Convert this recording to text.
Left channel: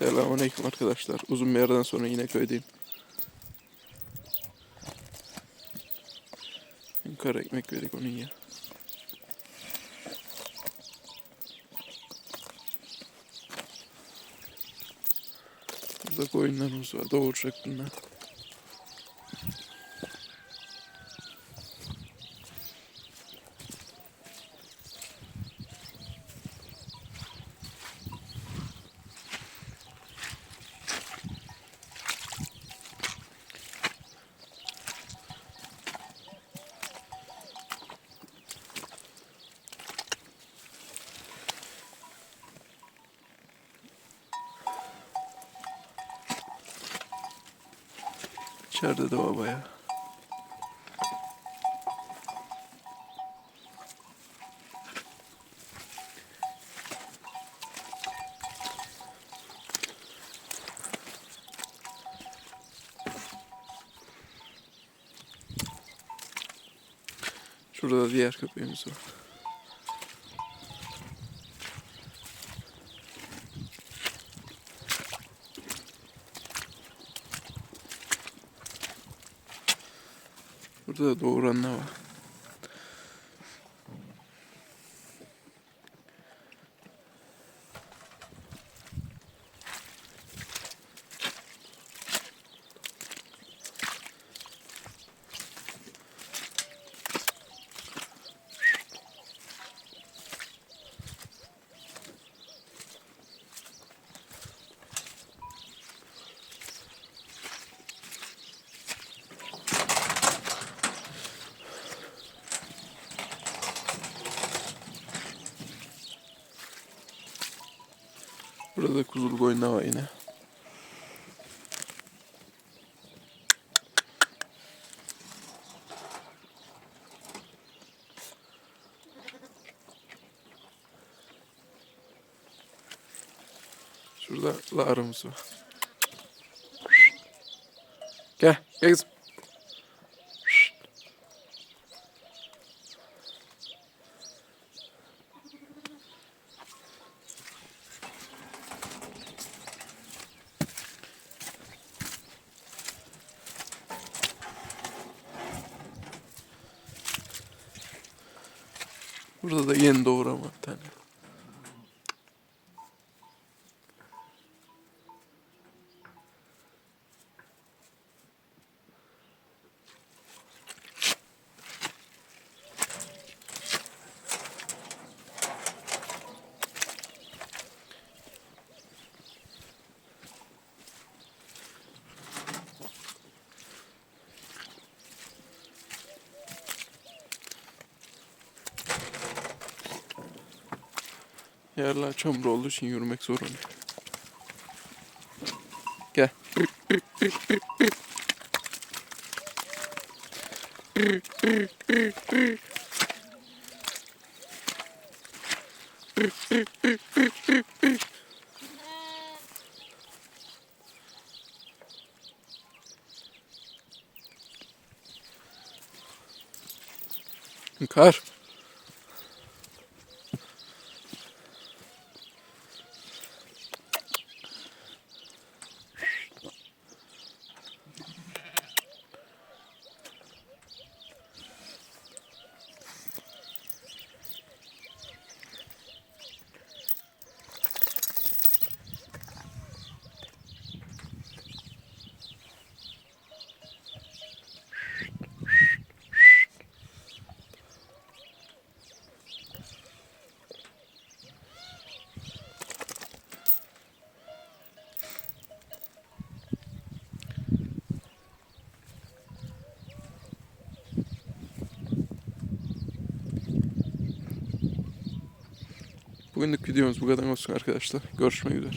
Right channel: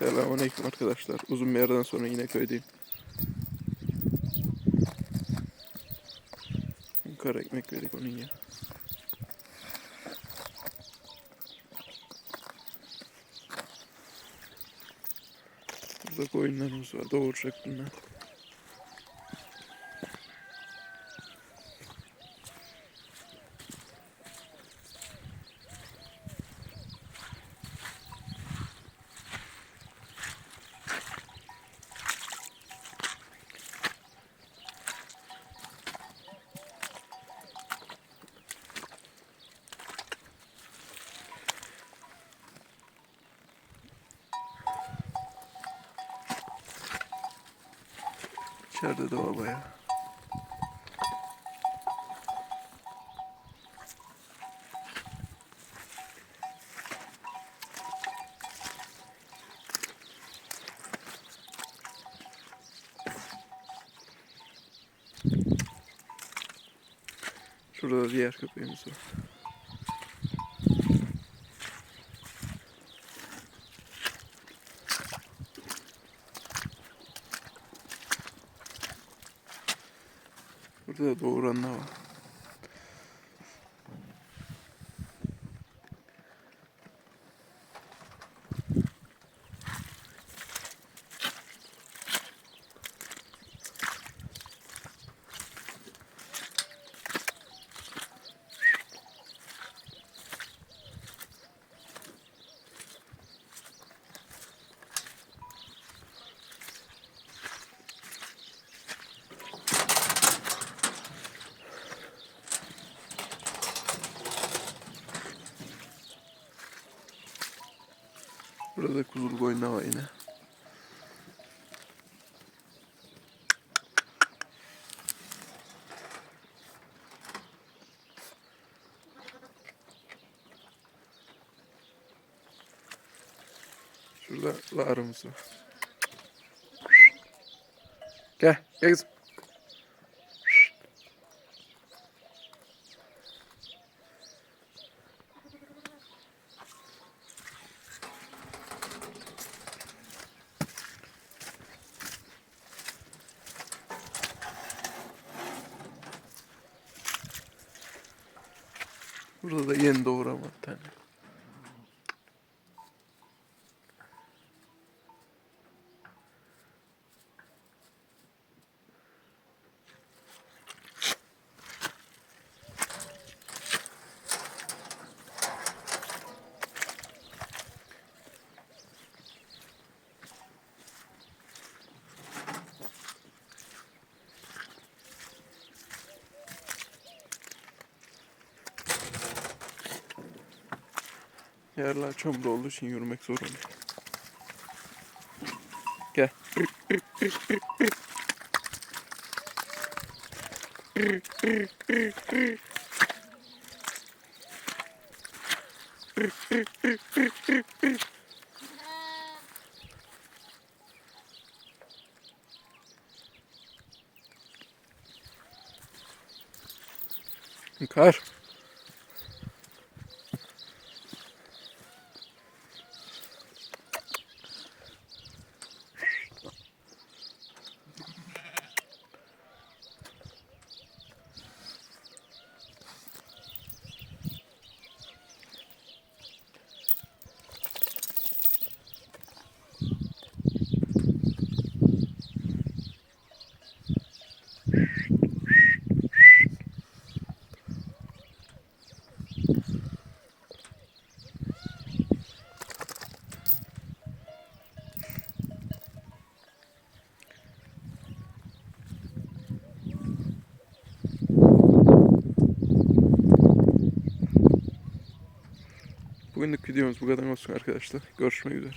Selamünaleyküm arkadaşlar. Uzun bir aradan sonra yine köydeyim. Kara ekmek verdik onun ya. Burada koyunlarımız var. Doğuracak bunlar. İçeride de var bayağı. Şurada da diğer köpeğimiz var. Burada da doğuranlar var. Burada kuzulu koyunlar var yine. Şurada lağrımız var. Gel, gel kızım. Burada da yeni doğuran var bir tane. Yerler çamur olduğu için yürümek zor oluyor. Gel. Kar. Bugünlük videomuz bu kadar olsun arkadaşlar. Görüşmek üzere.